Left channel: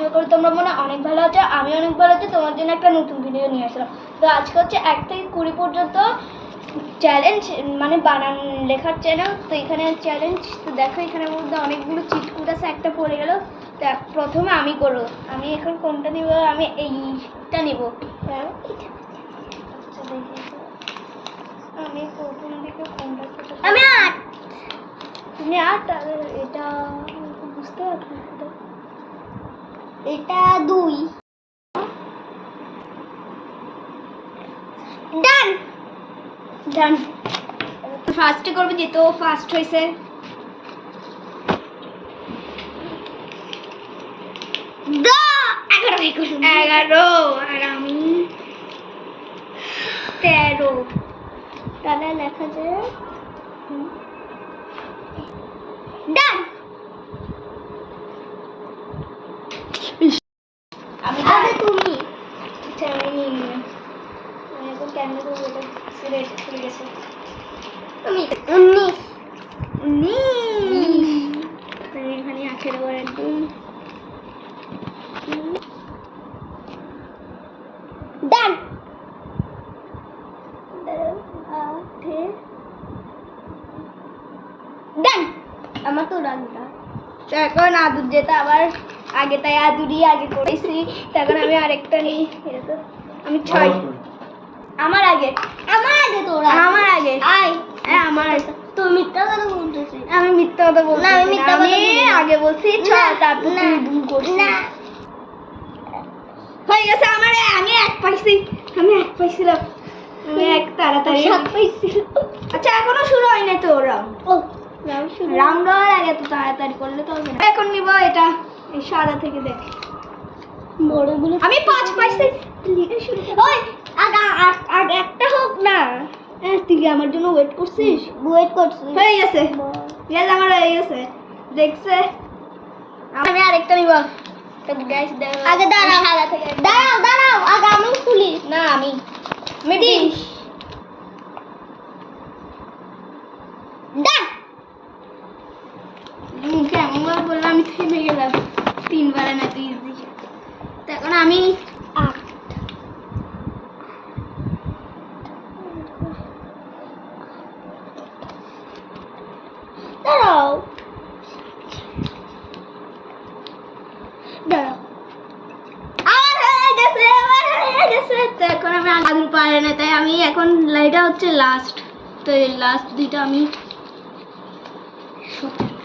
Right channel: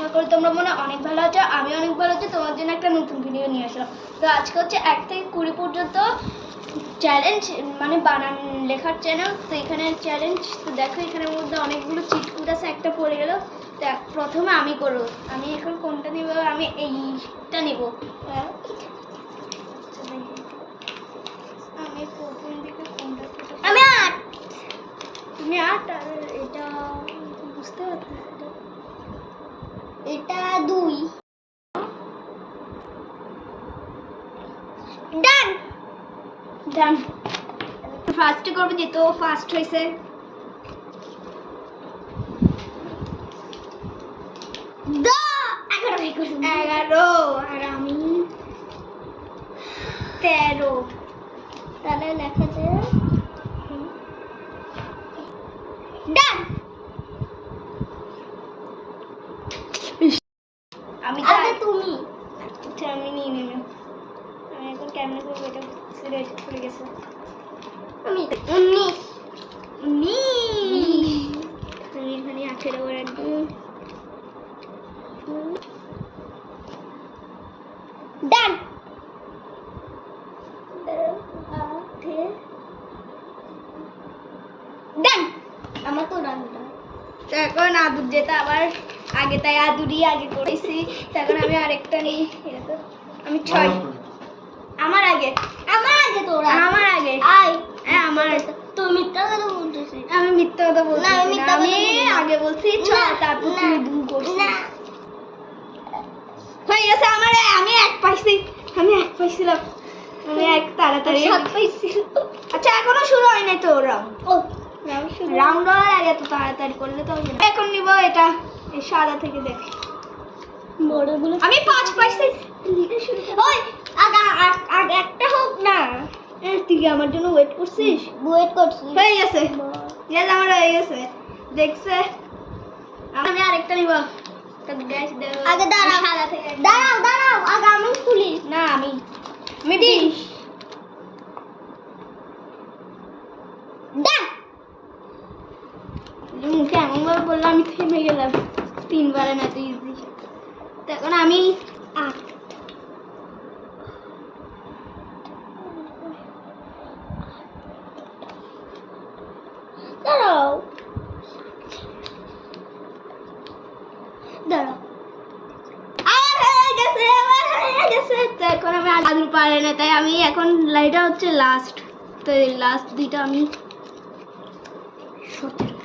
আশা করি তোমরা মনে হয় অনেক ভালো আছো আমি অনেক ভালো আছি তোমার জন্য একটা নতুন ভিডিও নিয়ে আসলাম। তো আজকে হচ্ছে এক থেকে কুড়ি পর্যন্ত চ্যালেঞ্জ মানে বানান লেখার চ্যানেল তো এখানে চ্যালেঞ্জ তো দেখো এখানের মধ্যে অনেকগুলো চিটকুট আছে একটা পড়ে গেল। তো প্রথমে আমি করব আমি এখন কোনটা নিব? আমি এইটা নিব। আচ্ছা, আমি প্রথম দিকে কোনটা আমি আট। তুমি আট আর এটা বুঝতে পারছি এটা দুই। ডান ডান ফার্স্টে করবে যেহেতু ও ফার্স্ট হয়েছে এগারো আর আমি তেরো। তাহলে লেখা যায় ডান আমি তো আগে তুমি আচ্ছা আমি নিয়ে নিলাম আমি এখন কেমনে করব এটা সিলেট খুলে গেছে। তুমি উনিশ উনিশ এখানে আঠেরো করে ডান। ডান। আমার তো তো এখন আদুর যেটা আবার আগে তাই আদুরই আগে করেছি। তখন আমি আরেকটা নিই। এটা তো আমি ছয় আমার আগে। আমার আগে তোরা। আমার আগে। আয়। হ্যাঁ আমার তুমি মিথ্যা কথা বলতেছিস আমি মিথ্যা কথা বলছি না, আমি মিথ্যা আমি আগে বলছি না, তারপর তুমি দুই করছিস না। হয়ে গেছে আমার আমি এক পাইছি আমি এক পাইছিলাম। আমি এক তাড়াতাড়ি। সাত পাইছিল আচ্ছা এখনও শুরু হয় নাই তো রাউন্ড ও রাউন্ড হওয়ার আগে তো তাড়াতাড়ি করলে তো হবে না। এখন নিব এটা এই সাদা থেকে দেখ। বড়গুলো আমি পাঁচ পাইছি লিখে শুরু কর ওই আগা আগ- আগে একটা হোক না হ্যাঁ, তুই কি আমার জন্য ওয়েট করছিস? ওয়েট করছিস হয়ে গেছে। ইয়েস আমার হয়ে গেছে। দেখছে? আমি আরেকটা নিব। আগে দাঁড়াও। সাদা থেকে দাঁড়াও দাঁড়াও। আগে আমি খুলি। না আমি। আমি। বিশ ডান। মুখে এমন বললাম আমি থেমে গেলাম। তিনবারে না তুই ইজি তো এখন আমি আট দাঁড়াও। এখন আমি পারে না, তাই আমি এখন এটা হচ্ছে লাস্ট তো লাস্ট দুইটা আমি সতেরো